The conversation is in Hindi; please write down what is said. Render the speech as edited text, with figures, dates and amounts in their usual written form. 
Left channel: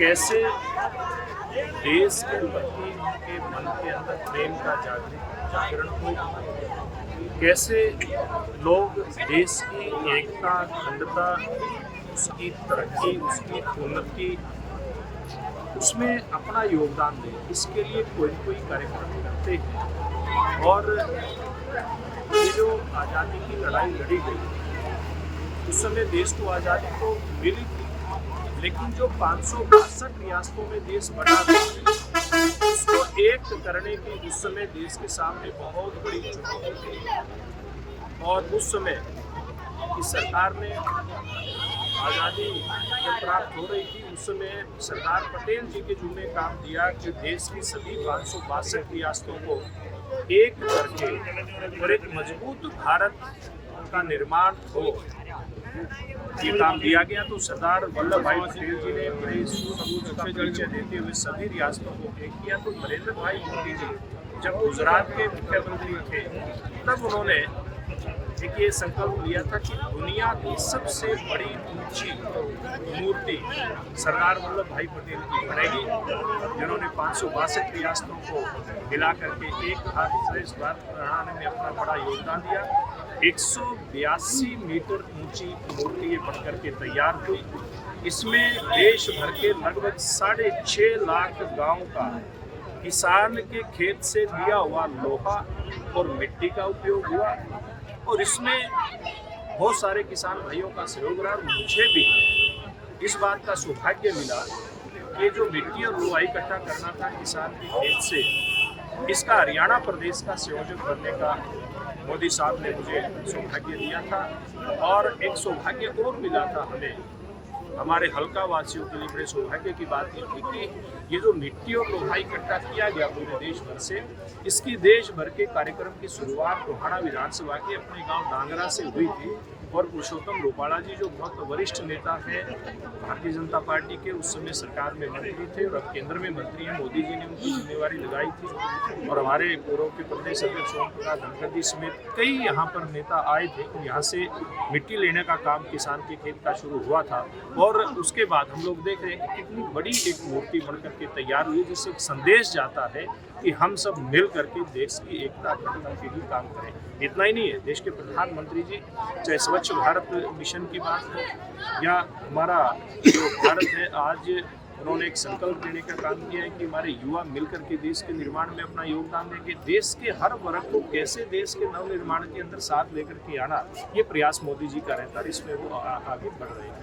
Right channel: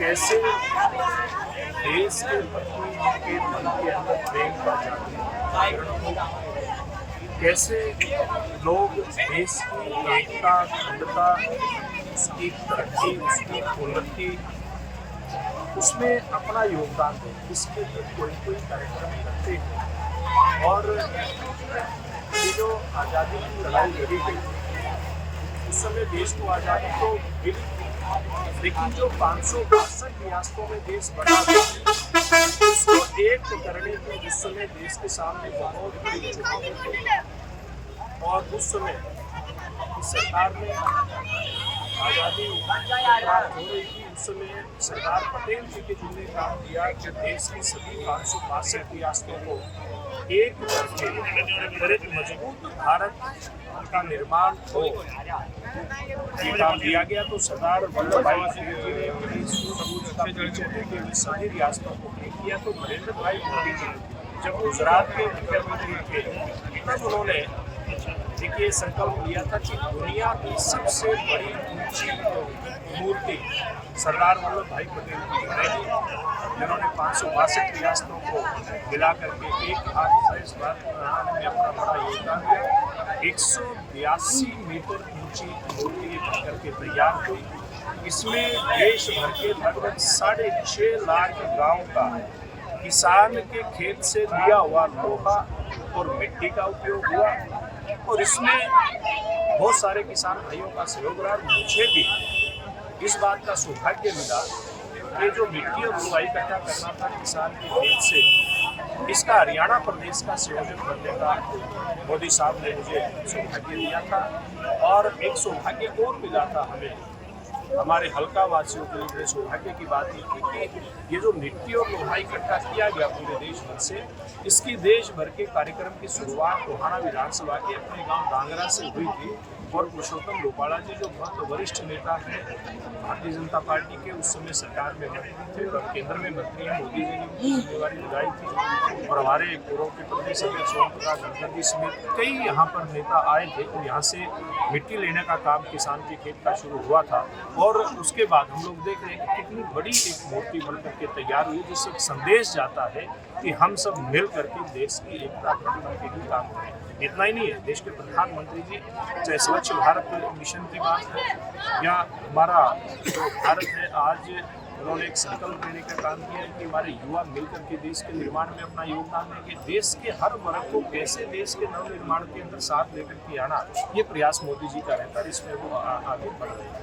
कैसे देश के प्रति उनके मन के अंदर प्रेम का जागरण हो, कैसे लोग देश की एकता, अखंडता, उसकी तरक्की, उसकी उन्नति, उसमें अपना योगदान दें, इसके लिए कोई कार्यक्रम करते हैं। और ये जो आज़ादी की लड़ाई लड़ी गई, उस समय देश को आज़ादी तो मिली, लेकिन जो 562 रियासतों में देश बटा था, उसको एक करने की उस समय देश के सामने बहुत बड़ी चुनौती थी। और उस समय की सरकार ने आज़ादी जब प्राप्त हो रही थी, उस समय सरदार पटेल जी के जिन्होंने काम दिया कि देश की सभी 562 रियासतों को एक करके और एक मजबूत भारत का निर्माण हो, ये काम दिया गया। तो सरदार वल्लभ भाई पटेल जी ने बड़े सूझबूझ का परिचय देते हुए सभी रियासतों को एक किया। तो नरेंद्र भाई मोदी जी जब गुजरात के मुख्यमंत्री थे, तब उन्होंने ये संकल्प लिया था कि दुनिया की सबसे बड़ी ऊंची मूर्ति सरदार वल्लभ भाई पटेल की बनेगी, जिन्होंने 562 रियासतों को मिला करके एक हाथ से इस बात बनाने में अपना बड़ा योगदान दिया। 182 मीटर ऊंची मूर्ति ये बन करके तैयार हुई। इसमें देश भर के लगभग 6.5 लाख गांव का किसान के खेत से लिया हुआ लोहा और मिट्टी का उपयोग हुआ। और इसमें बहुत सारे किसान भाइयों का सहयोग रहा। मुझे भी इस बात का सौभाग्य मिला कि जो मिट्टी और लोहा इकट्ठा करना था किसान के खेत से, इसका हरियाणा प्रदेश का संयोजक बनने का मोदी साहब ने मुझे सौभाग्य दिया था। और एक सौभाग्य और मिला था हमें, हमारे हल्का वासियों के लिए बड़े सौभाग्य की बात ये थी कि ये जो मिट्टी और लोहा इकट्ठा किया गया पूरे देश भर से, इसकी देश भर के कार्यक्रम की शुरुआत टोहाना विधानसभा के अपने गांव डांगरा से हुई थी। और पुरुषोत्तम रूपाला जी जो बहुत वरिष्ठ नेता हैं भारतीय जनता पार्टी के, उस समय सरकार में मंत्री थे और अब केंद्र में मंत्री हैं, मोदी जी ने उनकी जिम्मेवारी लगाई थी। और हमारे पूर्व के प्रदेश अध्यक्ष ओम प्रकाश धनखड़ समेत कई यहाँ पर नेता आए थे और यहाँ से मिट्टी लेने का काम किसान के खेत का शुरू हुआ था। और उसके बाद हम लोग देख रहे हैं कि कितनी बड़ी एक मूर्ति बनकर के तैयार हुई, जिससे एक संदेश जाता है कि हम सब मिल करके देश की एकता अखंडता के लिए काम करें। इतना ही नहीं है, देश के प्रधानमंत्री जी चाहे स्वच्छ भारत मिशन की बात हो या हमारा जो भारत है, आज उन्होंने एक संकल्प देने का काम किया है कि हमारे युवा मिलकर के देश के निर्माण में अपना योगदान देंगे। देश के हर वर्ग को कैसे देश के नव निर्माण के अंदर साथ लेकर के आना, ये प्रयास मोदी जी का रहता है, इसमें वो आगे बढ़ रहे हैं।